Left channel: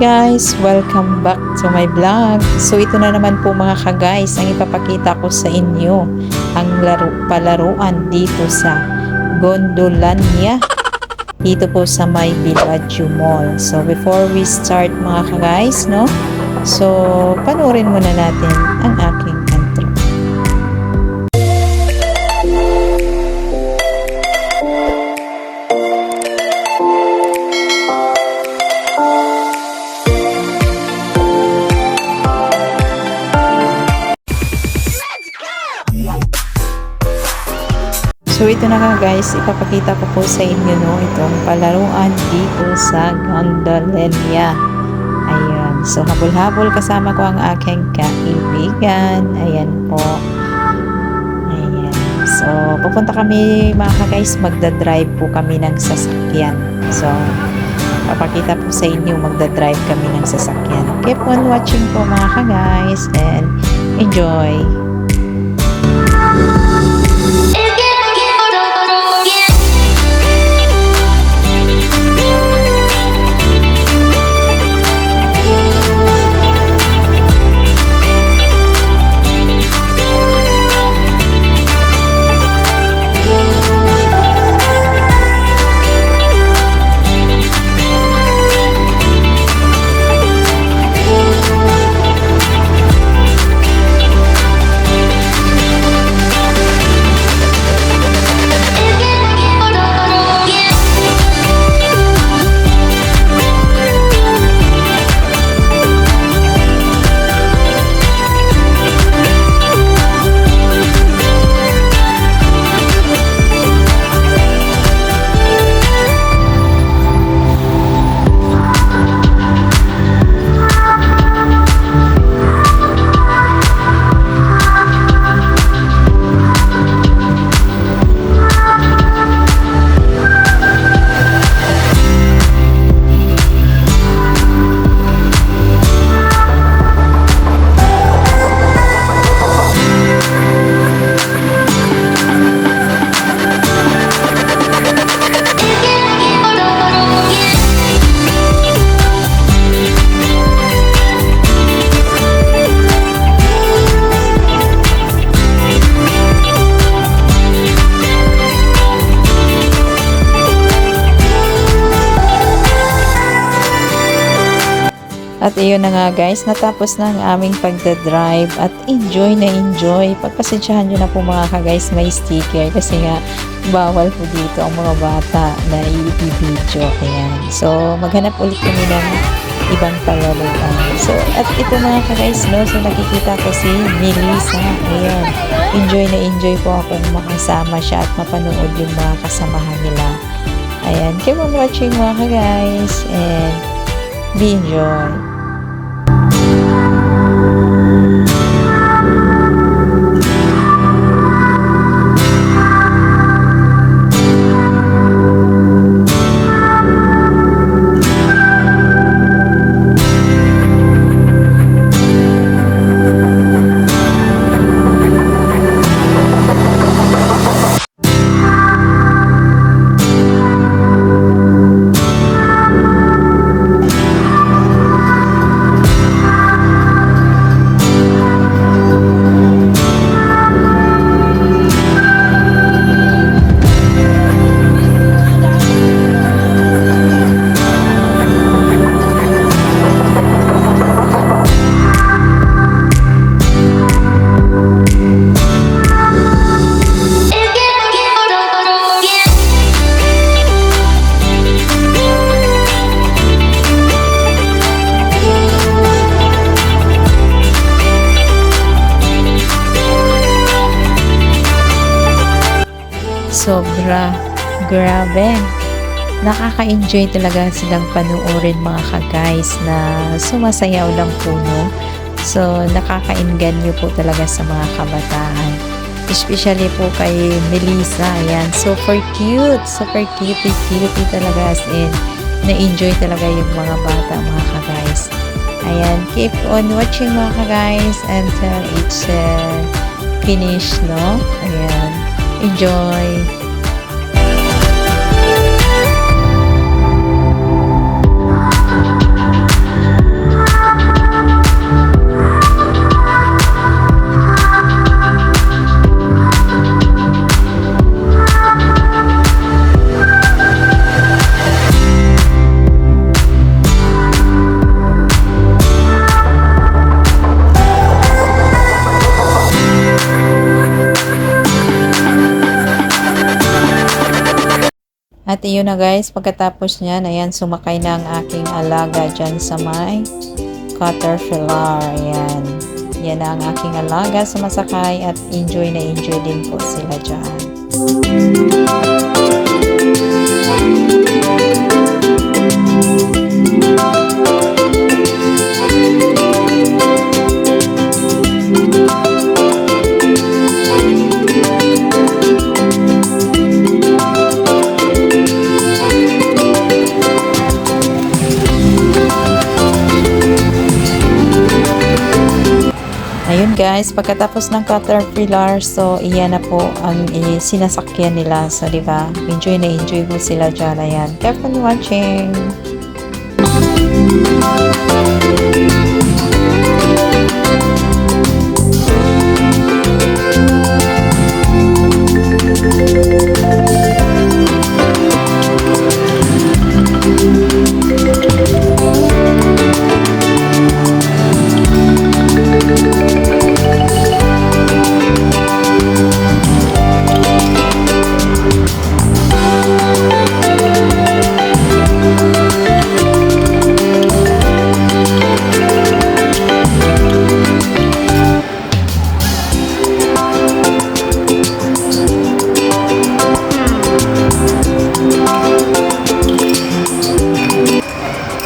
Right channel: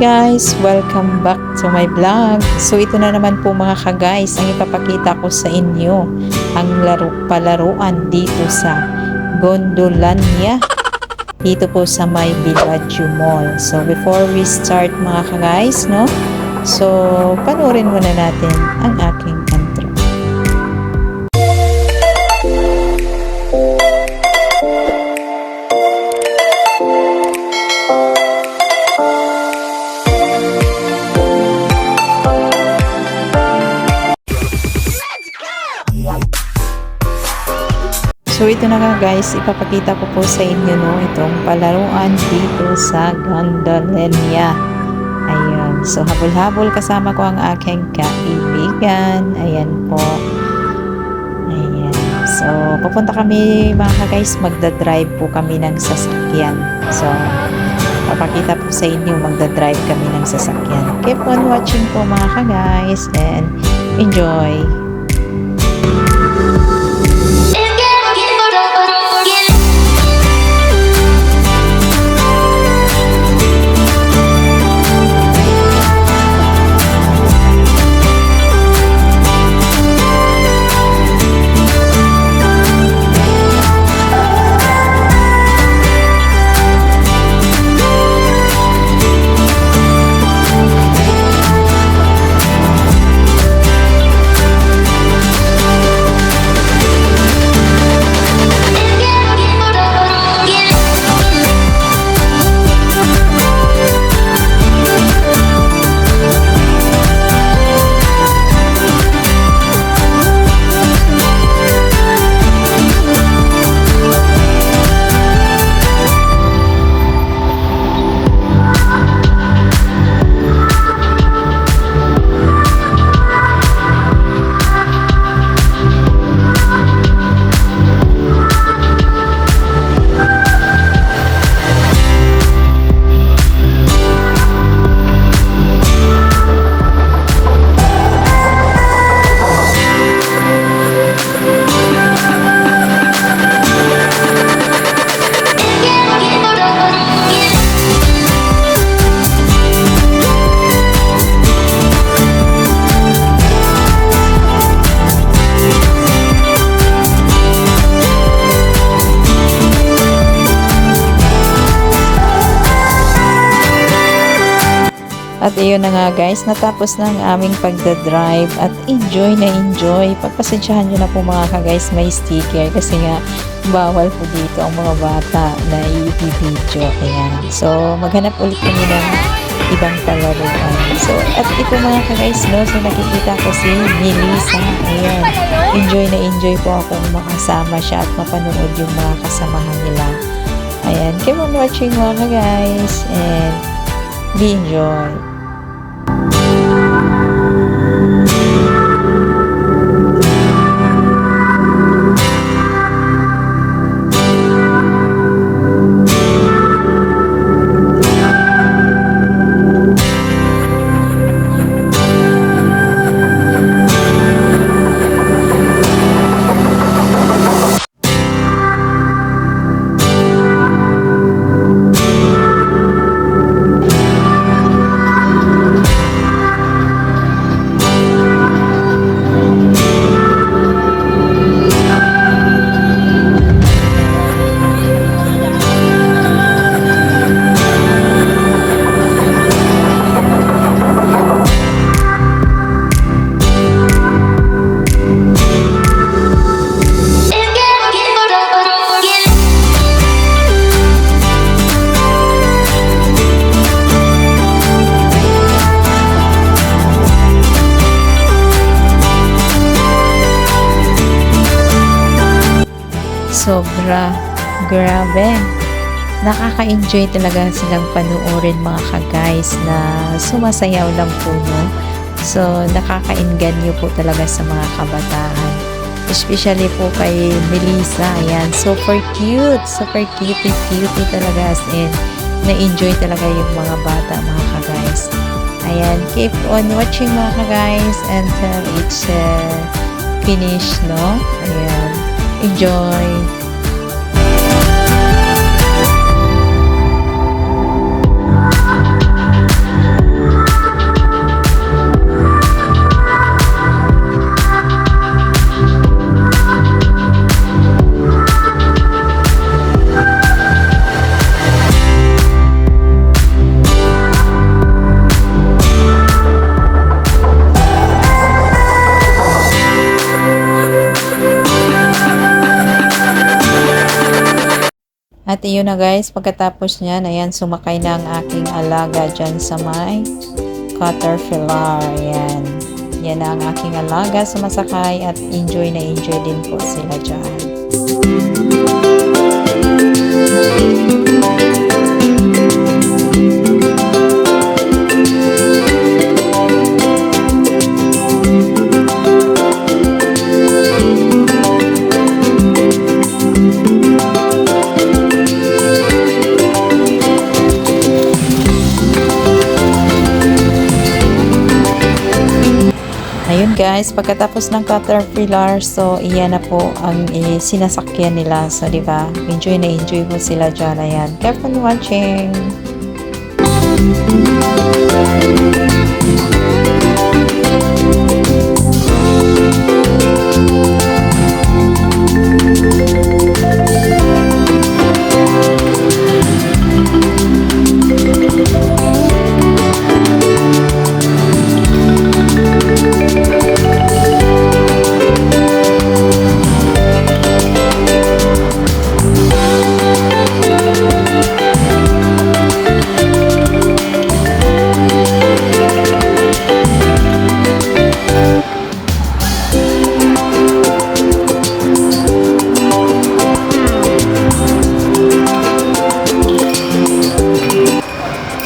Guys, welcome back to my vlog. So ito na naman po mga ka-guys, ang ipapakita ko sa inyo ang palaruan dito sa Gondolania dito po sa may Villaggio Mall. So before we start mga ka-guys, no? So panoorin muna natin ang aking intro. So ito na nga guys, ipapakita ko po sa inyo no, itong palaruan dito sa Gondolania. Ayun, so habol-habol kasama ko ang aking kaibigan. Ayan po. Ayan, so pupunta kami mga guys, magdadrive po kami ng sasakyan. So papakita po sa inyo, magdadrive kami ng sasakyan. Keep on watching po mga guys and enjoy! At iyon na nga guys, natapos na ang aming pagdadrive at enjoy na enjoy. Pagpasensyahan nyo na po mga ka-guys, may sticker kasi nga bawal po dito ang mga bata na i-video. Ayan. So maghanap ulit kami ng ibang palaruan. So at ito mga ka-guys, no, so nakikita ko si Melissa. Ayan. Enjoy po akong makasama siya at mapanood yung mga kasamahan nila. Ayan. Keep on watching mga ka-guys and be enjoy. Sobra, grabe. Nakaka-enjoy talaga silang panoorin mga ka-guys na sumasayaw lang po, no? So, nakaka-inganyo po talaga sa mga kabataan. Especially po kay Melissa, ayan, super cute talaga as in, na-enjoy talaga yung mga bata mga ka-guys. Ayan, keep on watching mga ka-guys until it's finished, no? Ayan. Enjoy! At iyon na guys, pagkatapos niyan, ayan, sumakay na ang aking alaga dyan sa may caterpillar. Ayan. Yan na ang aking alaga sa masakay at enjoy na enjoy din po sila dyan. Ayun guys, pagkatapos ng caterpillar, so iyan na po ang sinasakyan nila. So, di ba? Enjoy na enjoy po sila dyan. Ayan. Keep on watching!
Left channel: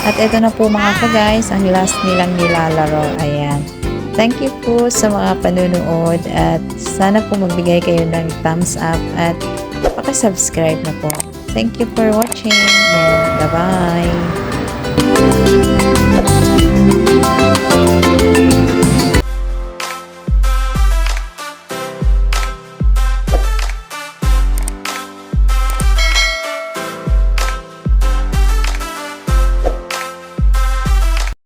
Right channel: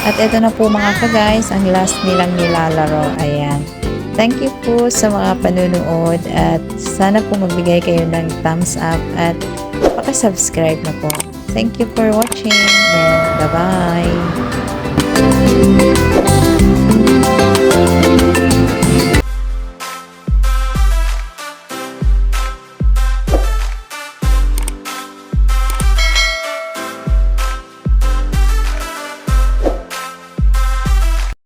At ito na po mga ka-guys, ang last nilang nilalaro. Ayan. Thank you po sa mga panunood at sana po magbigay kayo ng thumbs up at paka-subscribe na po. Thank you for watching and bye-bye!